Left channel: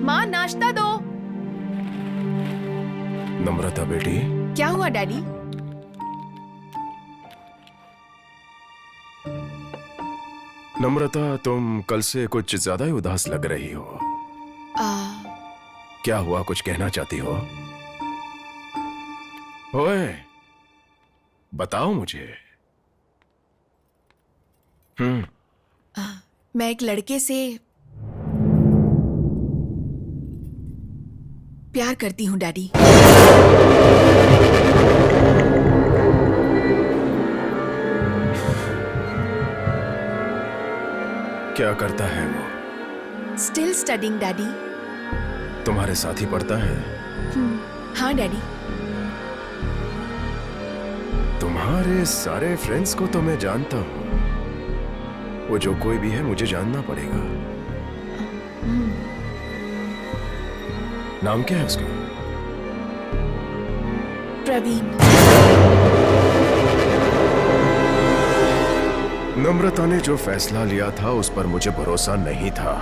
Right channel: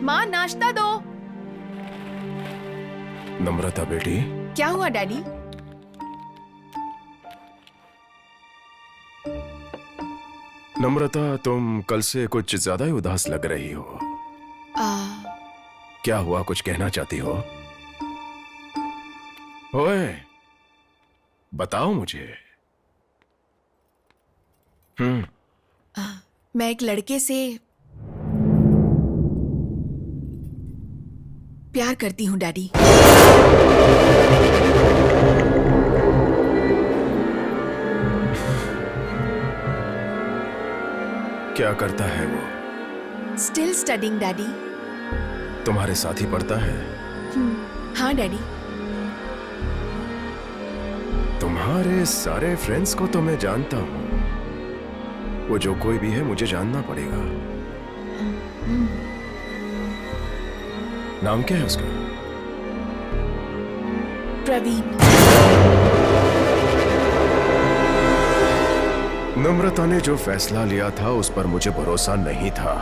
माँ नाश्ता दो। नम्रता बेटी। क्या हुआ डैडी? नम्रता, तुम कल से कुछ ज्यादा ही उदास लग रही हो। क्या हुआ, कुछ कहना चाहती हो? ओए, बताओ मुझे। मैं एक लड़के से प्यार करती हूँ डैडी। क्या करता है वो? Still studying daddy. तुम्हारे साथ ही पढ़ता है? हाँ डैडी। तुम्हारे सारे फ्रेंड्स को तो मैं जानता हूँ। वो जो कोई भी है मुझे जानना पड़ेगा। नाम क्या है उसका? प्रवीण। नम्रता ने जो फैसला लिया था उस पर मुझे भरोसा नहीं था।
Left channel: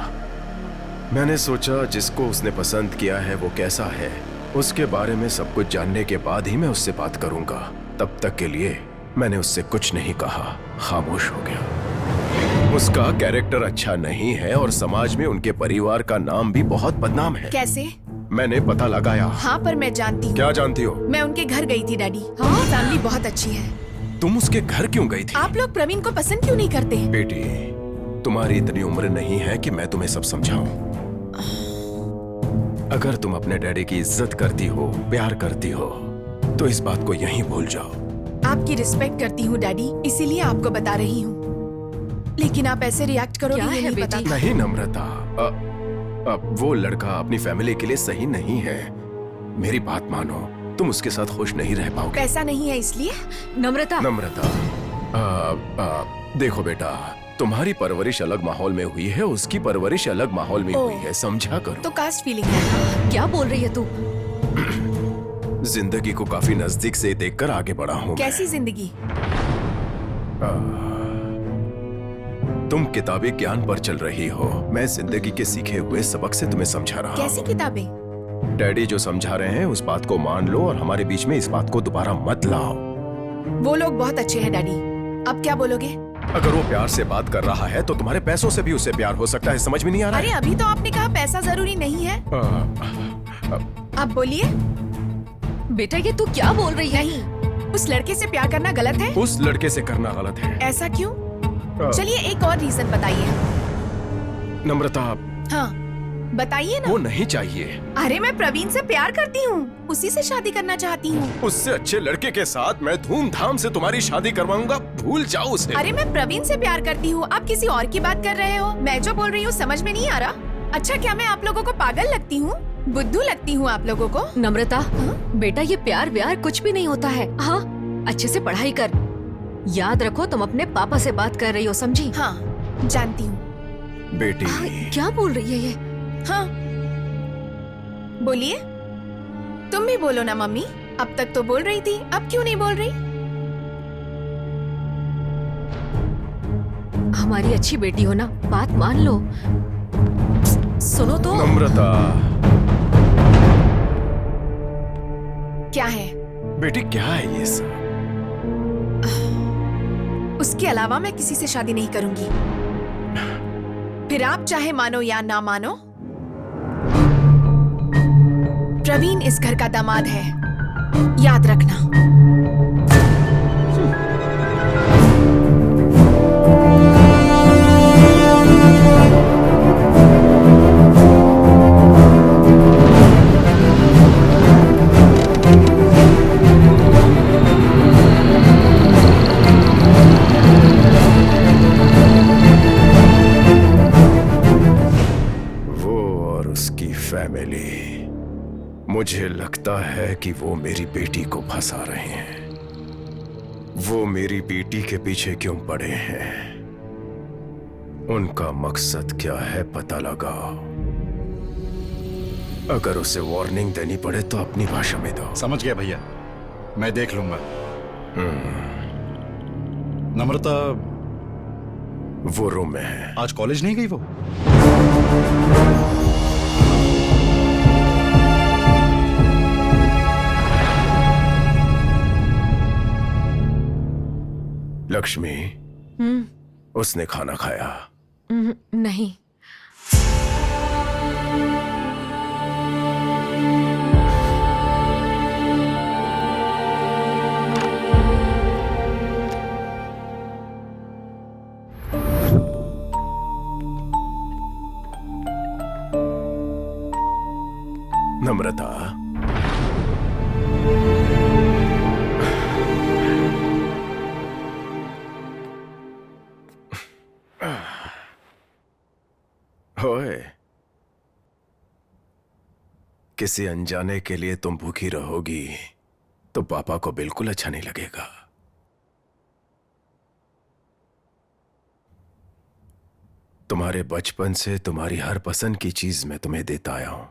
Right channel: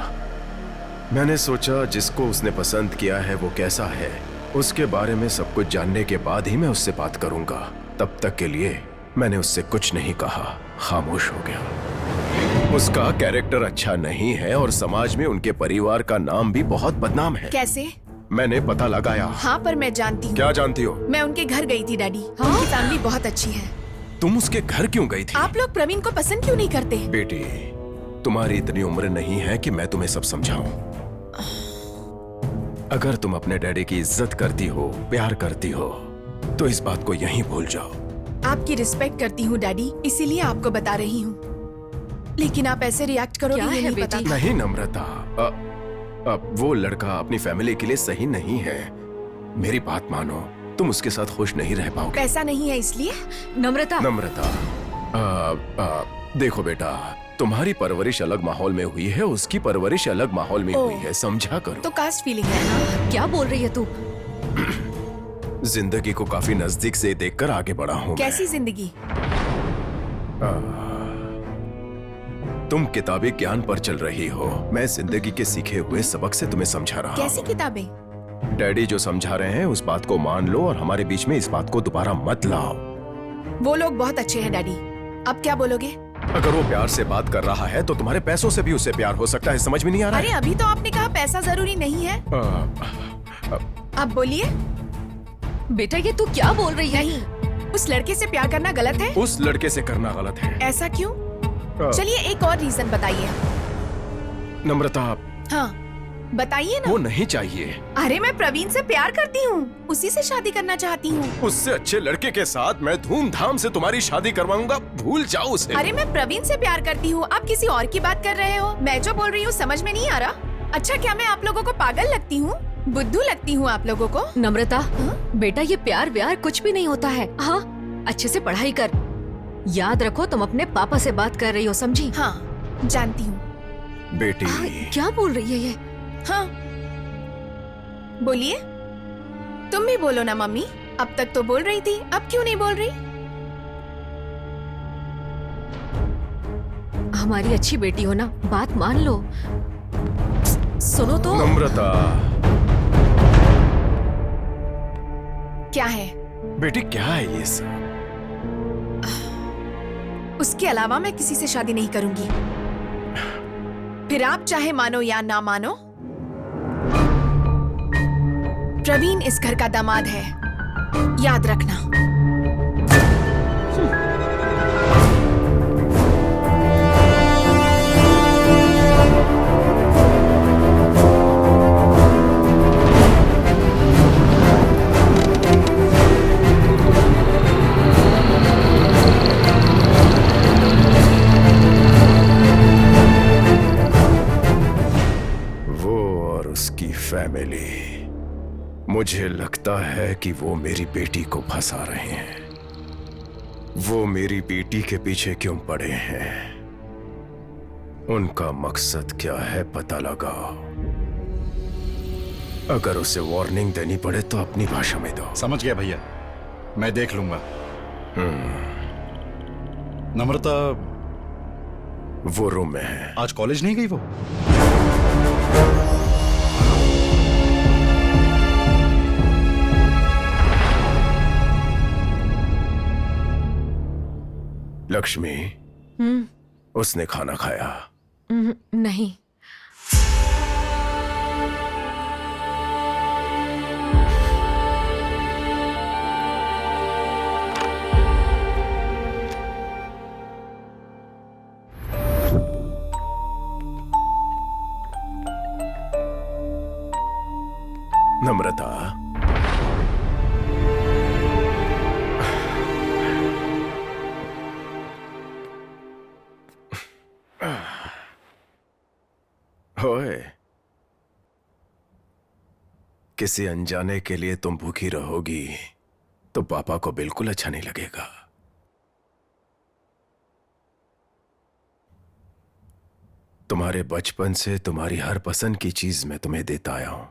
मैंने सोचा जिसको उसने पसंद किया है वो कैसा है, उसके बारे में सब कुछ जानने के बाद ही मैं उससे बात करूंगा। तब तक के लिए मैंने उससे कुछ नहीं कहा, खामोश हो गया। उसका कैरेक्टर अच्छा नहीं है और समाज में उनके परिवार का नाम भी बहुत बदनाम है। कैसे? मैंने पता लगाया। हाँ पर मैं जानती हूँ। क्या जानती हो? मैं उनके घर गई थी डैडी। उनकी फैमिली बहुत अच्छी है। तुम उसके घर क्यों गई थी? आप लोग प्रवीण को पसंद क्यों नहीं करते? बेटी, तुम्हारी इतनी उम्र नहीं है कि मैं तुम्हें सब समझाऊं। अगर तुम अपने डैडी की इज्जत करती हो, प्यार करती हो, तो इस बात को यहीं भूल जाओ। आपकी रिस्पेक्ट करती हूँ डैडी, इसीलिए आपको बता रही हूँ। लेकिन आप ऐसे रिएक्ट करोगे ये नहीं पता था। नहीं नम्रता, वो लड़का अपनी फैमिली के लिए सही नहीं है। मेरी बात मानो, तुम उसके साथ खुश नहीं रह पाओगे। पैसा नहीं है इसलिए? नम्रता, देखो बेटा, तुम्हारी परवरिश अलग माहौल में हुई है, उसकी परवरिश अलग माहौल में हुई है, समझा करो। तो कास्ट फीलिंग है? हाँ क्या बोल रही है तू? जिंदगी को काफी नजदीक से देखकर आगे बढ़ा हूँ। कैसी जिंदगी? तुम किताबी ज्ञान पर चल रही हो, मैं जिंदगी के सीखे हुए सबक से तुम्हें समझा रहा हूँ। कैसी किताबें? डैडी जो समझा रहे हैं उस बात को मान लो और हमारे बीच में इस बात को दोबारा मत लाओ। वो लोग बहुत अच्छे हैं डैडी। अब क्या बोलोगे? अगर वो प्यार से बात कर रहा है तो तुम्हारे पैसों से भी उसे प्यार हो सकता है, समझ में नहीं आ रहा है? अरे अभी तो आपने कहा पैसा जरूरी नहीं है। अब बोलिए। बेटा ये तू क्या बोल रही है? नहीं, उस लड़के से प्यार करना गलत है। उस लड़के से करना गलत है। ऐसा क्यों? चलिए एक और रीजन बताइए। नम्रता, हाँ बताइए ना। वो नहीं चाहिए। अरे मैं प्रवीण से प्यार करती हूँ, उसी से शादी करना चाहती हूँ। उससे अच्छे लड़के के साथ मैं धूमधाम से तुम्हारी शादी करवाऊंगा, भूल जाओ उसे। अरे मैं प्रवीण से प्यार करती हूँ, आप किसी और की बात कर रहे हो। मैं जो बोल रही हूँ समझ में नहीं आ रहा? अच्छा क्या मैं आप लोगों को पागल लगती हूँ, बुद्धू लगती हूँ आप लोगों को? नम्रता, बेटा ये प्यार व्यार कुछ भी नहीं होता है। हाँ अच्छे से पढ़ाई कर, याद रखो तुम अपने पापा से बात कर रही हो, समझी? हाँ जानती हूँ। बेटी क्या बोल रही है ये? हाँ बोलिए। तुम भी बोलो ना मम्मी, अब तक तो बोल रही थी, अब क्यों नहीं बोल रही? हमारी अच्छी बेटी हो ना, बात मान लो। सुनो तो। नम्रता। क्या है? बेटी क्या है ये सब? उसके अलावा मैं किसी से शादी नहीं करूंगी। फिर आप चाहे मानो या ना मानो, प्रवीण इस घर का दामाद है, याद रखना। उसकी फैमिली, मुझे लगता है कि वो मेरी बेटी को फंसा रहे हैं। वो मेरी बेटी के पीछे क्यों पड़े हैं? उनका मकसद क्या है पता लगाओ। अगर उसे वार्निंग देनी पड़े तो अपनी भाषा में दो। समझ गया भैया, मैं देख लूंगा। नम्रता वो रूम में है। आज कॉलेज नहीं गई वो? लक्ष्मी, उसने खाना खाया? नहीं। नम्रता, ओए, किसी अनजाने के लिए तुम भूखी रहोगी तो पापा को बिल्कुल अच्छा नहीं लगेगा। तुम्हारे बचपन से तुम्हारी हर पसंद की चीज मैं तुम्हें देता आया हूं।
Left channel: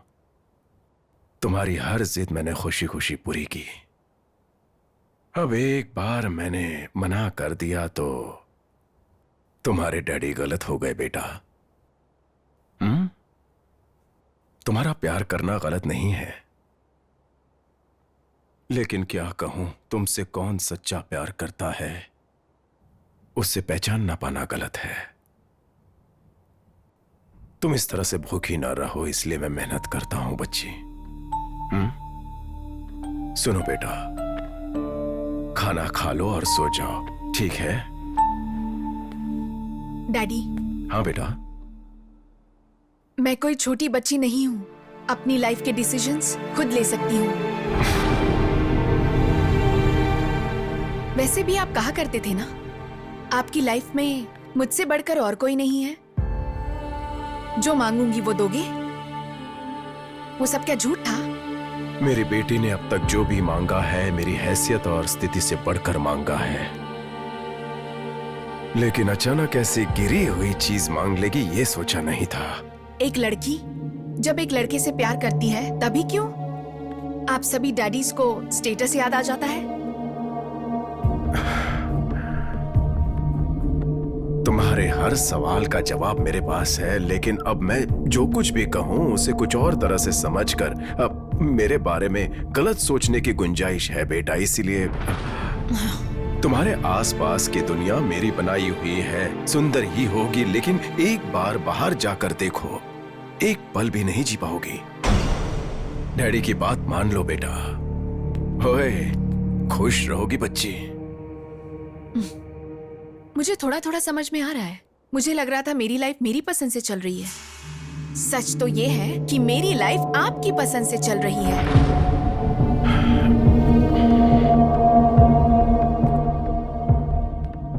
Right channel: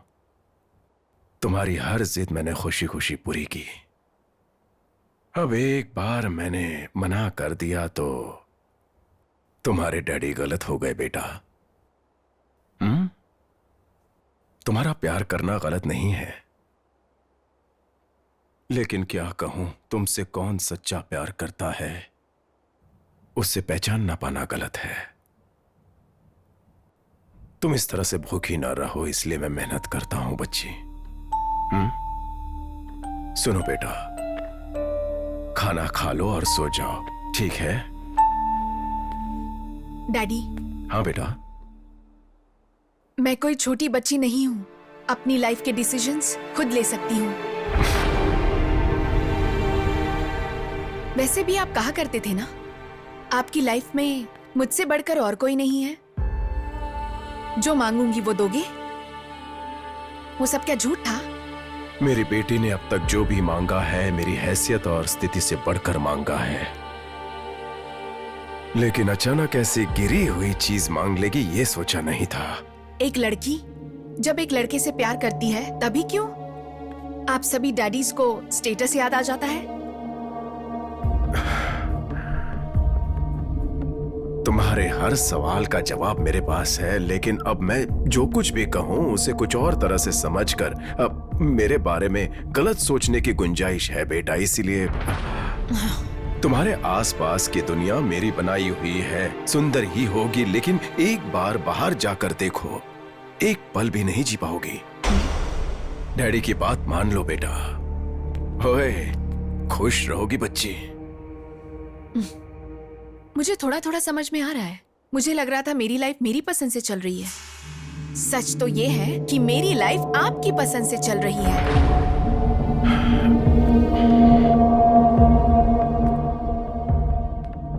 तुम्हारी हर जिद मैंने खुशी खुशी पूरी की। अब एक बार मैंने मना कर दिया तो तुम्हारे डैडी गलत हो गए बेटा। तुम्हारा प्यार करना गलत नहीं है, लेकिन क्या कहूं, तुमसे कौन सच्चा प्यार करता है उससे पहचान ना पाना गलत है। तुम इस तरह से भूखी ना रहो, इसलिए मैं मेहनत करता हूं बच्ची। सुनो बेटा, खाना खा लो और सो जाओ, ठीक है? डैडी, हाँ बेटा। मैं कोई छोटी बच्ची नहीं हूँ। अपनी लाइफ के डिसीजंस खुद ले सकती हूँ। वैसे भी आप कहा करते थे ना, आपकी लाइफ में मुझसे बढ़कर और कोई नहीं है। जो मांगूंगी वो दोगे। वो सब क्या झूठ था? मेरी बेटी ने अब तक जो भी मांगा है मेरी हैसियत और स्थिति से बढ़कर मांगा है, लेकिन अचानक ऐसी गिरी हुई चीज मांग लेगी ये सोचा नहीं था। एक लड़की जब एक लड़के से प्यार करती है तभी क्यों आप सभी डैडीज को स्टेटस याद आ जाता है? तुम्हारे हर सवाल का जवाब मेरे पास है, लेकिन अब मैं जो कुछ भी कहूं उसे कुछ और तरह से समझकर अब मेरे बारे में गलत सोचने की गुंजाइश है बेटा। इसीलिए तुम्हारे आसपास की दुनिया मेरी बनाई हुई है, सुंदर ही होगी, लेकिन एक बार बाहर जाकर देखो, एक पल भी नहीं जी पाओगी। डैडी की बात मान लो बेटा। ओए, खुश रहोगी बच्ची। मुझे थोड़ा थोड़ा समझ में आ रहा है। मुझे लग रहा था मेरी लाइफ मेरी पसंद से चल रही है। सच तो ये है कि मेरी लाइफ आपकी पसंद से चल रही है।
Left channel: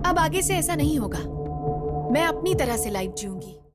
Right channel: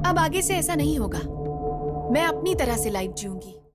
अब आगे से ऐसा नहीं होगा। मैं अपनी तरह से लाइफ जीऊंगी।